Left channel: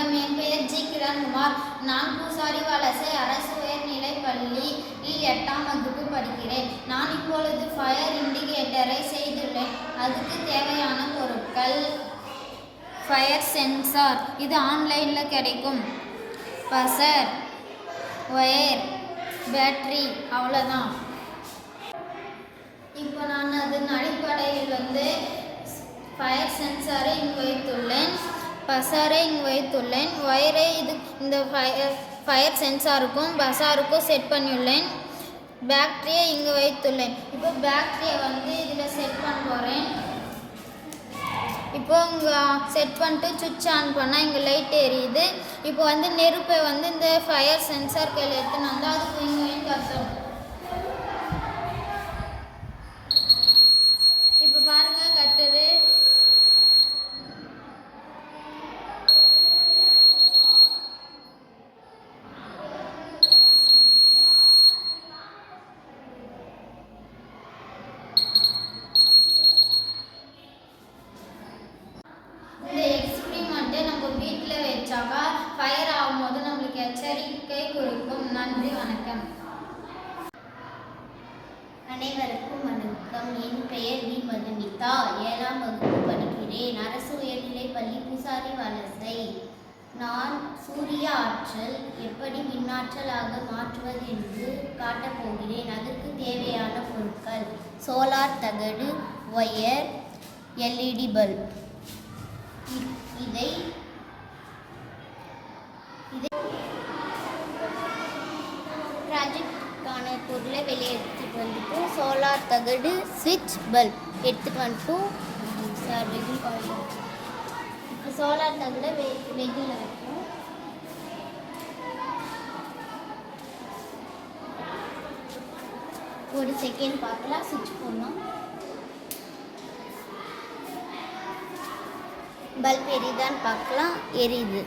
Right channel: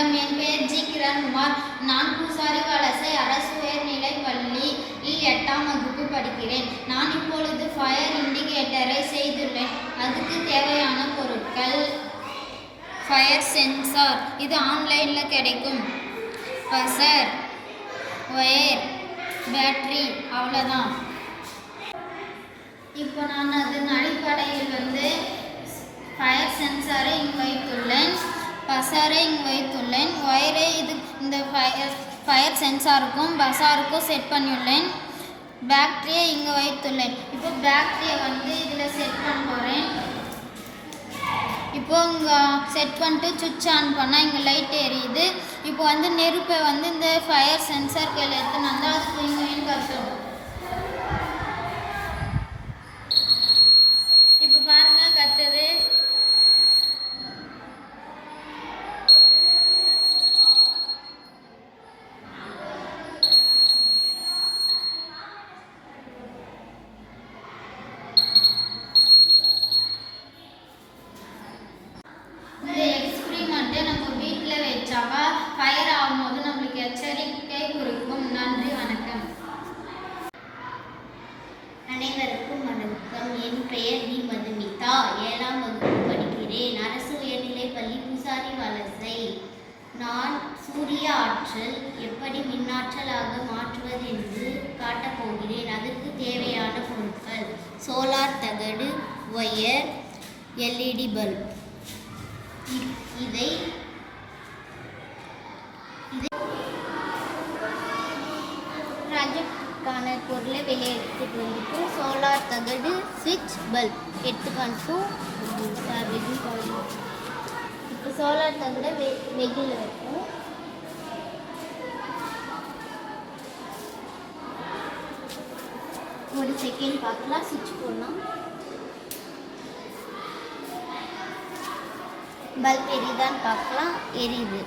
வணக்கம். என் பெயர் ஜி. கிரண்குமார். நான் பூசாரி வலசை அரசு உயர்நிலைப் பள்ளியில் 8ஆம் வகுப்பு படிக்கிறேன். நான் இப்பொழுது ஃபயர் இண்டிகேட்டரை செய்துள்ளேன். அதுக்கு தேவையான பொருட்கள்: ஃபயர் சென்சார், இது ஆன்லைனில் கிடைக்கும். பசர், ஒயர், பேட்டரி, அவ்வளோதான். இப்போ நான் அதன் அடிப்படையில் ஃபயர் சென்சாரை இங்கு வைத்துள்ளேன், பசாரை இங்கு வைத்துள்ளேன், ஒயரை இந்த ஃபயர் சென்சாருக்கும் பசாருக்கும் செட் பண்ணியுள்ளேன், பேட்டரியை இங்கு வைத்துள்ளேன். இப்போ பேட்டரியை இதில் செட் பண்ண போகிறேன். இப்போ இங்கே செட் பண்ணிட்டு சுவிட்ச் ஆன் பண்ணால் இங்கே லைட் எரியுது. இப்போ நெருப்பை இந்த ஃபயர் சென்சார் கையில் எடுத்துன்னு வந்தால் அது தூங்கி கஷ்டம். இப்போ பாருங்கள், கத்துது. இந்த எக்ஸ்பிரிமெண்ட்டை நம்ம வீட்டில் வச்சாக்கா ஃபயர் ஆகும்போது நம்மளுக்கு எச்சரிக்கை கொடுக்கும். நன்றி, வணக்கம். அனைவருக்கும் வணக்கம். என் பெயர் வி. மதுமிதா. 7ஆம் வகுப்பு படிக்கிறேன். அரசு உயர்நிலைப் பள்ளி பூசாரி வலசை. நான் சூரிய ஆற்றல் எப்படி மின்னாற்றலாக மாற்றுவது என்று காட்டப் போகிறேன். அதற்கு தேவையான பொருட்கள்: சோலார் தகடு, ஒயர், LED பல்ப். இதை ப்ராஜெக்டுக்கான பொருளை வெளியே எடுத்துகிட்டு வந்துட்டு சோலார் தகடு, ஸ்விட்ச், பல்ப் எடுத்துகிட்டு வந்துட்டு இப்போ சோலார் தகடை வெயிலில் வைக்கணும். ஒரு செகண்ட் பார்க்கலாம். ஸ்விட்ச் போடலாம். பல்ப் எரியுதான்னு பார்க்கலாம். எரியுது.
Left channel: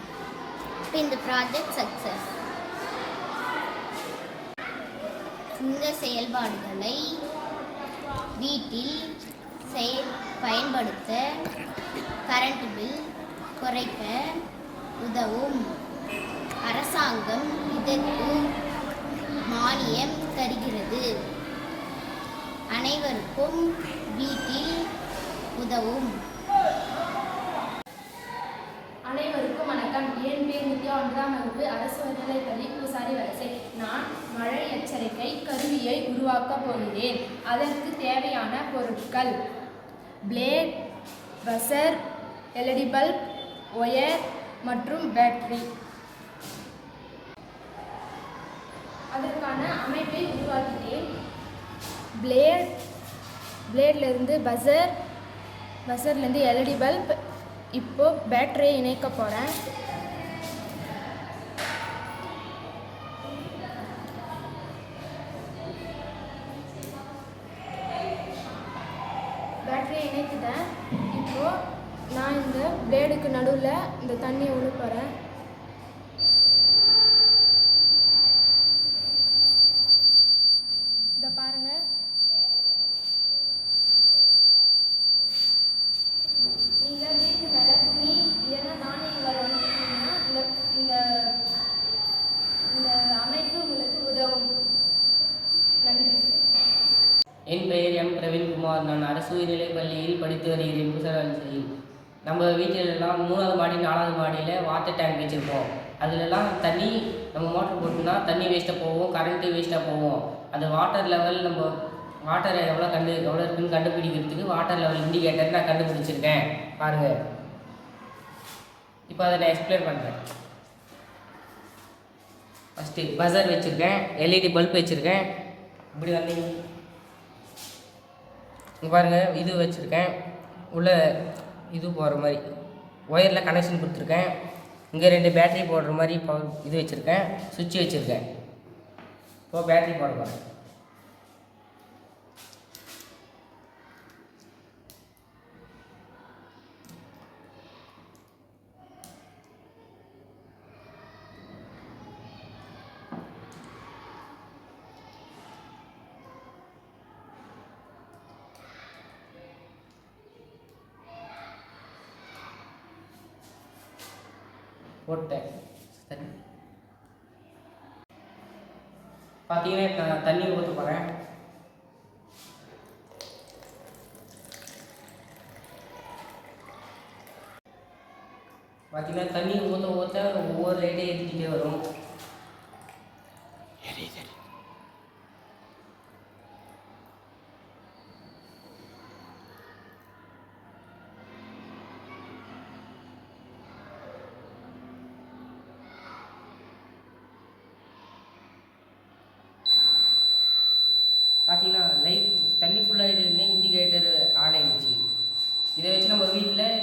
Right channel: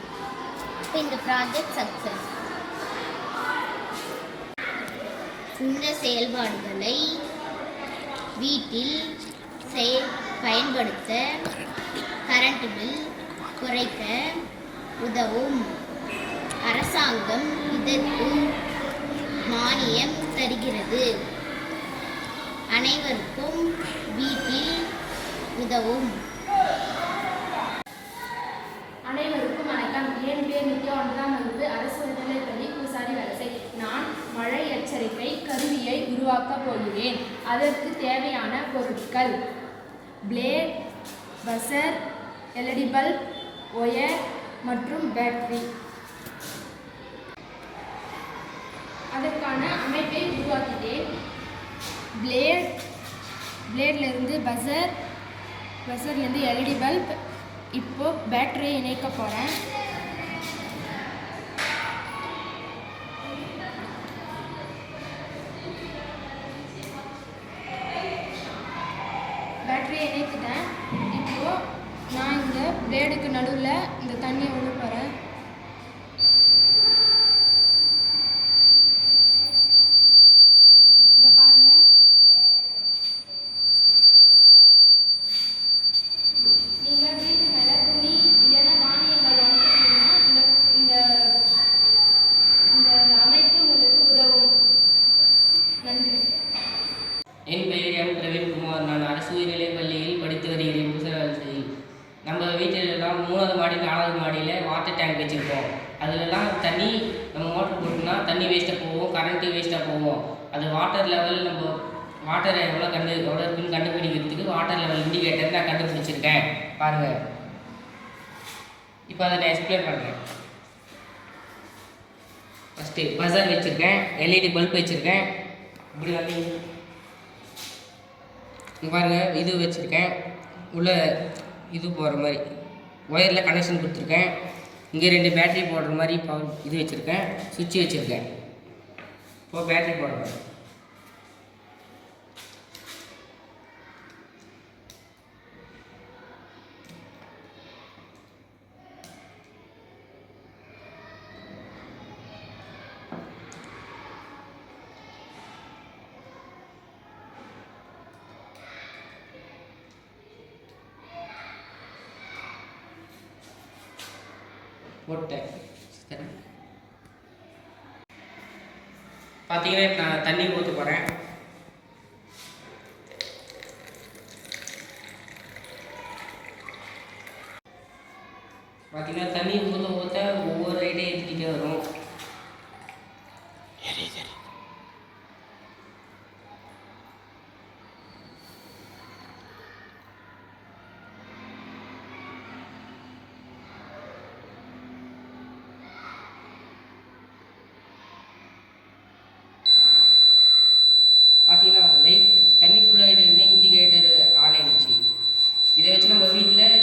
இப்போ இந்த ப்ராஜெக்ட் சக்ஸஸ். இந்த செயல்பாடுகளை வீட்டில் பயன்படுத்த கரண்ட் பில் குறைக்க உதவும். அரசாங்கம் இதற்கு மானியம் தருகிறது. அனைவருக்கும் வீட்டில் உதவும். அனைவருக்கும் வணக்கம். என் பேர் நித்யா. 1ஆம் வகுப்பு அரசு உயர்நிலைப் பள்ளி பூசாரி வலசை. நான் மழை எச்சரிக்கை கருவியை உருவாக்கப் போகிறேன். அதற்கு தேவையான பொருட்கள்: பிளேட், பசர், LED பல்ப், ஒயர் மற்றும் பேட்டரி. அதற்கான அமைப்பை உருவாக்கிட்டேன். பிளேட்லேருந்து பசர்லேருந்து LED பல்ப். இப்போ பேட்டரியை இணைக்க போகிறேன். பேட்டரியை இணைக்கிட்டேன். இப்போ நான் இந்த பிளேடுக்கு நடுவில் இந்த தண்ணியை விட போகிறேன். இதை பாருங்கள். நீங்கள் வீட்டு மேலே துணி இல்லைன்னா தானியங்கள் வாங்கினீங்கன்னா இந்த அமைப்பு உங்களுக்கு உதவும். நன்றி. என் பெயர் எம். பிரவீன்குமார். நான் அரசு உயர்நிலைப் பள்ளியில் படித்து வருகிறேன். பூசாரி வலசையில். நம்ம வீட்டிலெல்லாம் 3வது மாடி 4வது மாடியில் வாட்டர் டேங்க் வச்சுருப்போம். அதிலெல்லாம் தண்ணி நம்ம மோட்டர் போட்டோம்னா தண்ணி வேஸ்ட்டாக போகும், கரண்ட்டு வேஸ்ட்டாக போகும். அது வாட்டர் லெவல் நம்ம வாட்டரை எவ்வளோ இருக்குன்னு கண்டுபிடிக்கிறதுக்கு வாட்டர் லெவல் இண்டிகேட்டர் நான் கண்டுபிடிச்சிருக்கேன். பாருங்கள். இப்போ அதை நான் எக்ஸ்பிளைன் பண்ணுறேன். ஃபஸ்ட்டு பசர் வச்சுருக்கேன், LED பல்ப் வச்சுருக்கேன். இப்படி இங்கே பாருங்கள், இது வச்சுருக்கேன். உள்ளே இது போடுற மாதிரி ஒயரில் கனெக்ஷன் கொடுத்துருக்கேன். இங்கே 2 பேட்டரி போடுற மாதிரி இது வச்சுருக்கேன். சுவிட்ச் வச்சுருக்கேன். இப்போது பேட்டரி போடுறேன். போட்டேன். பார்த்தீங்கன்னா இப்ப நான் தண்ணி ஊற்ற போகிறேன். பார்த்தீங்கன்னா தண்ணி ஊற்ற ஊற்ற ஒவ்வொரு ரைட்டையும் ஏற்றிக்கிட்டே வரும். பார்த்தீங்கன்னா லைட் தண்ணி ஃபுல்லாகிட்டு இண்டிகேட்டர் ஆன் ஆகிடுச்சு. இதை வச்சு நம்ம வீட்டில்